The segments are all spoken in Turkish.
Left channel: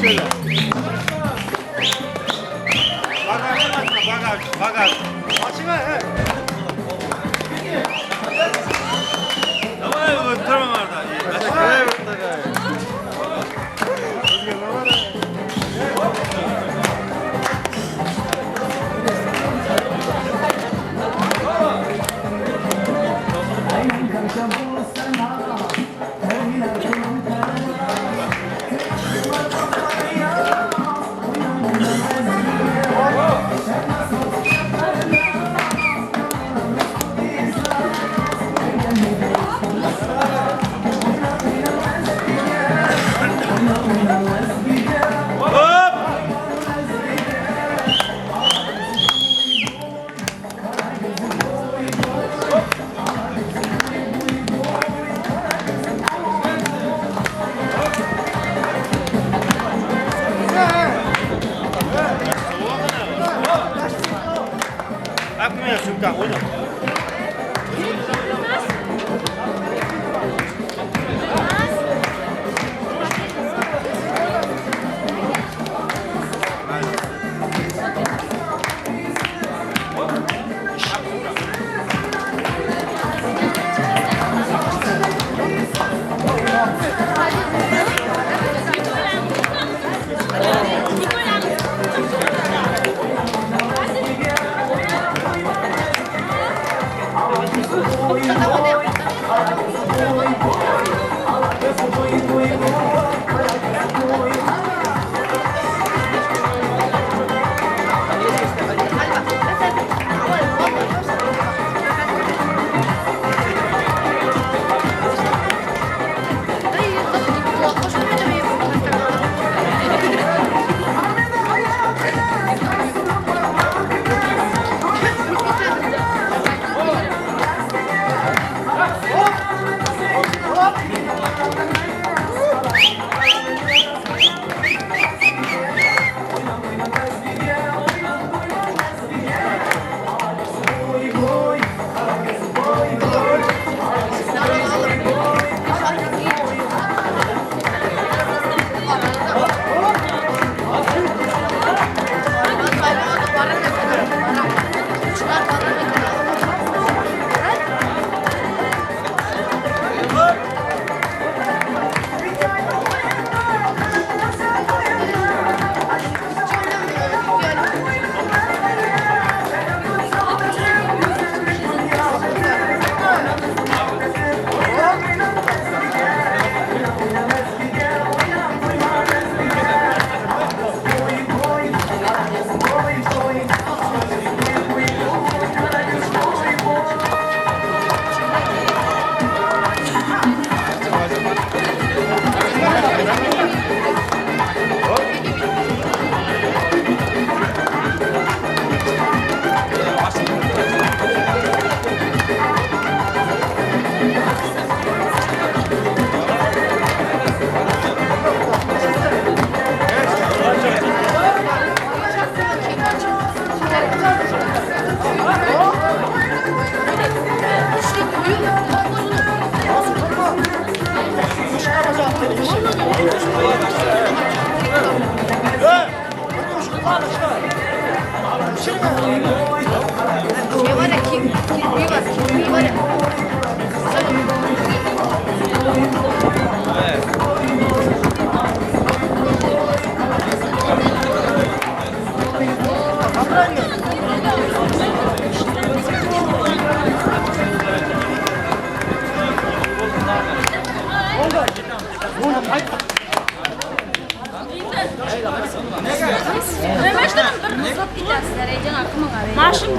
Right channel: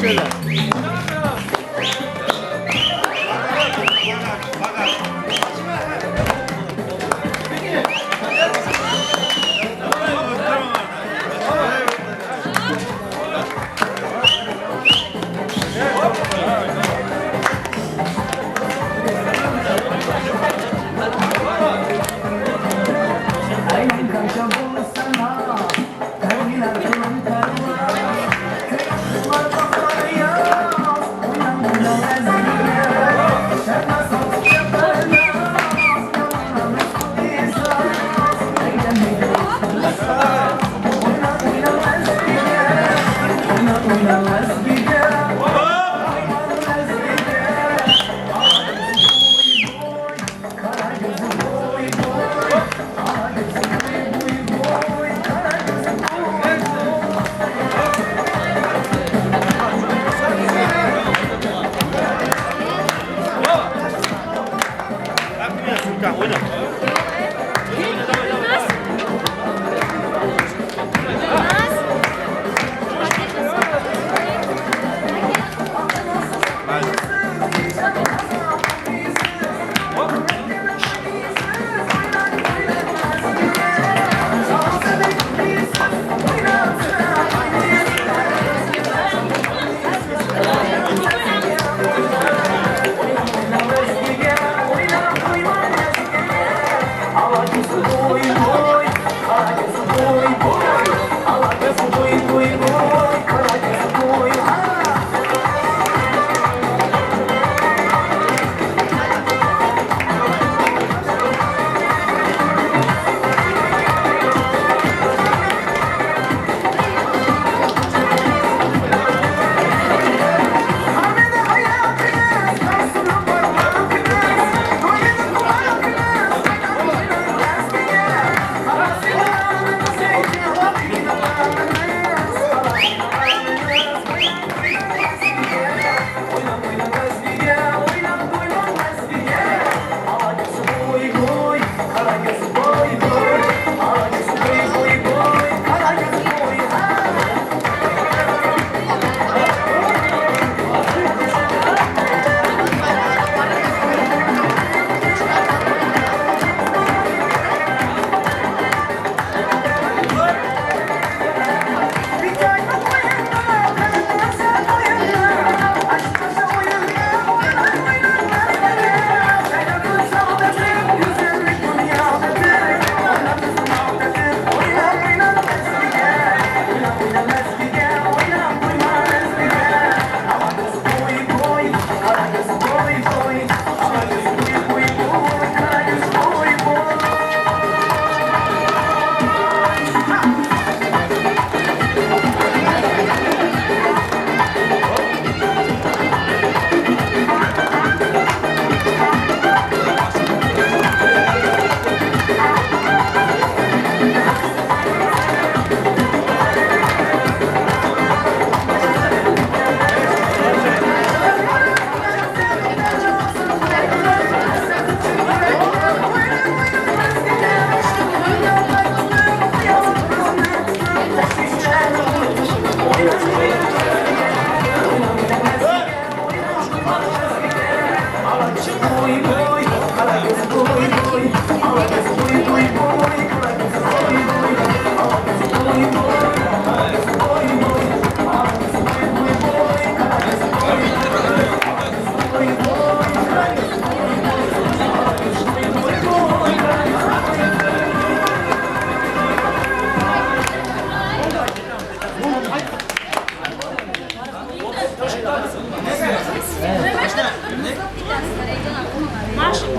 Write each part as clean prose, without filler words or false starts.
Şöyle.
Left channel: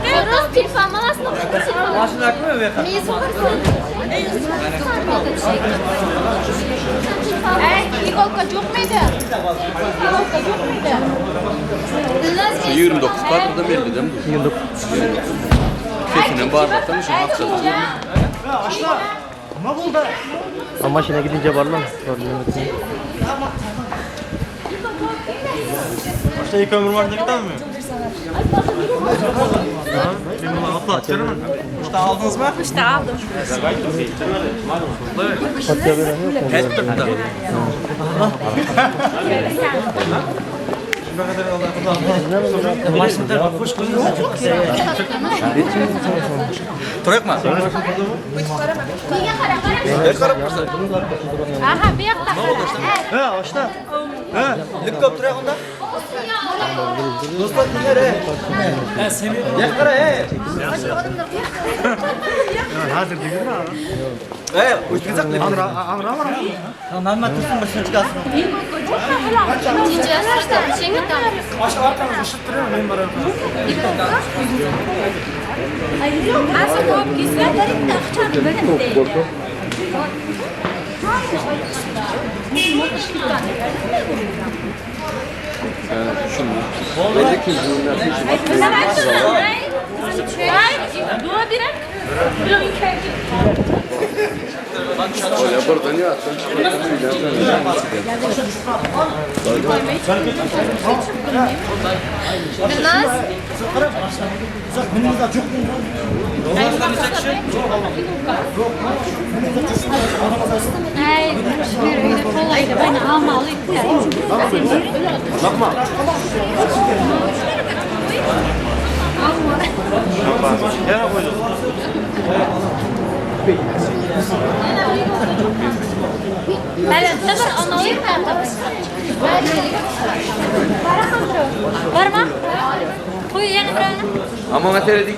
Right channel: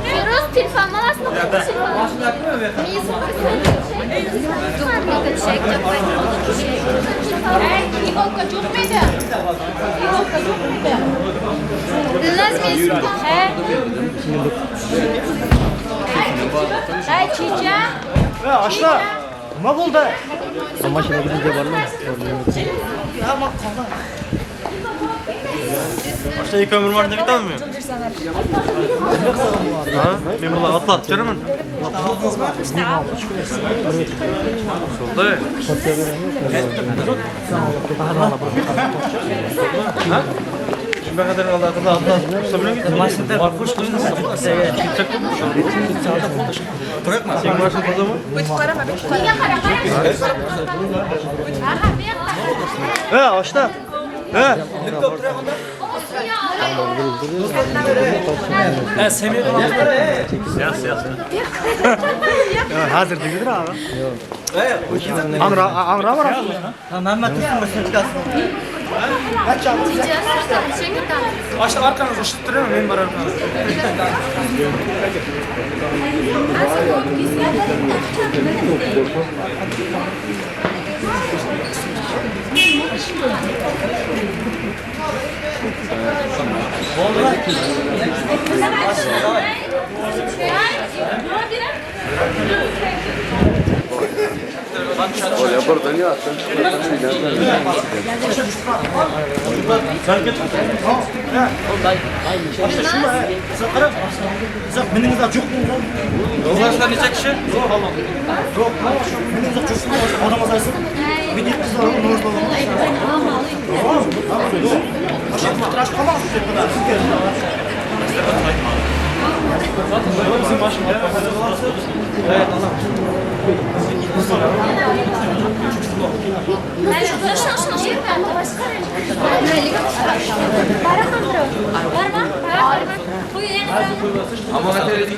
Feroz telefon malasını okuyup İholka çok muydu? İholka çok muydu? Dinlez miyiz? Ay çiçeği. Ama burada. Maşına gidince var mı? Şey kömür var demek olmuyor. Ben bunu atlat canım. İşte aldınız mı? İşte aldım. Maşınlar hoş koydu da çok güzel. Bırak mı? Niye kara kara? Aha bir He açta. He. Helikopter yakında. olsun ya. He seni. Yakara he. Hazır değil mi abi? He. O kimse Amra var. Tamam ben tutsun başını kalsın. Çiçeği sırada bir şey gitar. Açta arkanızı ışıttırıyor mu? Benim var arkanızda. Açta şunu he. Sen kara. Sen benimizde çok mu? Ulan sen ne çekişin? Yok Allah. Yok. Benimizde çok mu? Adamız aysın. Bir de Ama mesela gelin.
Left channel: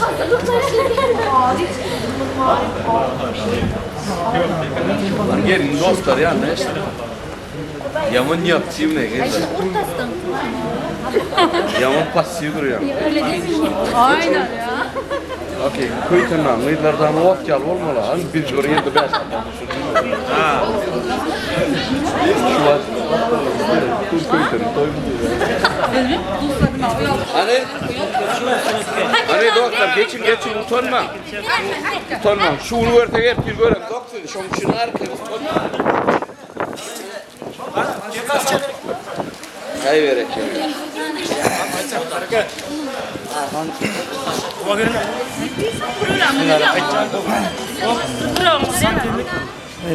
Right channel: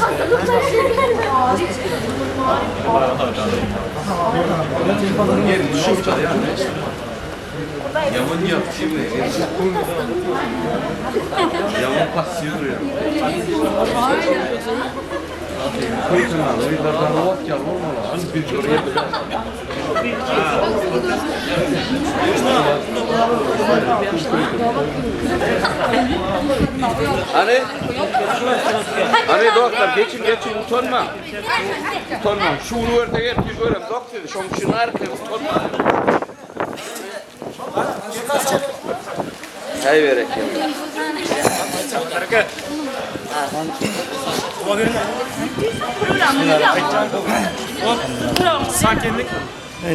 Hazırlıklar şey Gelin şurada yani. Yaman yok şimdi. Yaman passiyor ya. Okey, koytunlar, mıylardan vakit ya olmalı. Az bir oraya da ben. Hani doktor geçin utanma. Utanma. Şu ortaya hep bir böyle doktor. Şu çınar utanma. Hay verek. sakinlik.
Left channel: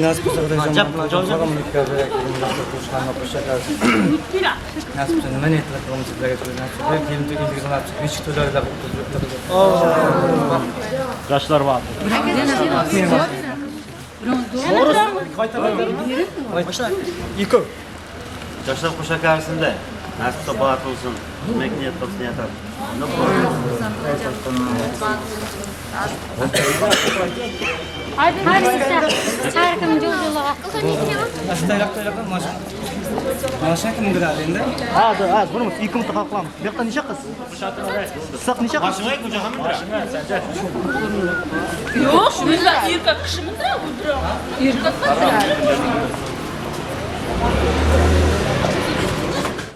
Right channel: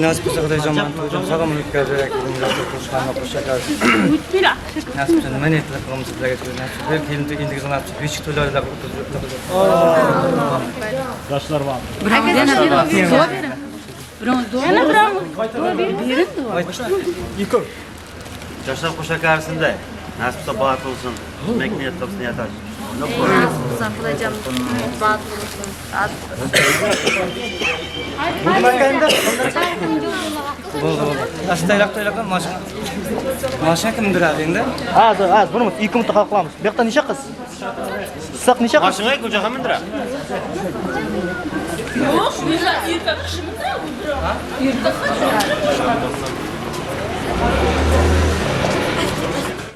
Nasip olsa kadar hocam sağlamlık görecek. Nasıl konuşkanla konuşacağız. Nasip olsa ne niyetli kılımız sizlere geçiyor. Nasip olsa bir kelime indiğiniz nasip olsa hiç tüylerle oturacak. Yaşlar var. Kimin var? Yıkıl. Yaşar Kuşa karşısında nasipse bağıt olsun, demek niyet olsun niyet aç. Ne bu? Nasıl dayak maşın kimdir halinde? Az bunu yıkım takalım. Bir yakta nişe kız. Sak nişe kız. Başına yıkım cahamındır. Yok, yırka kışımızda mı? Yırka fıtıra.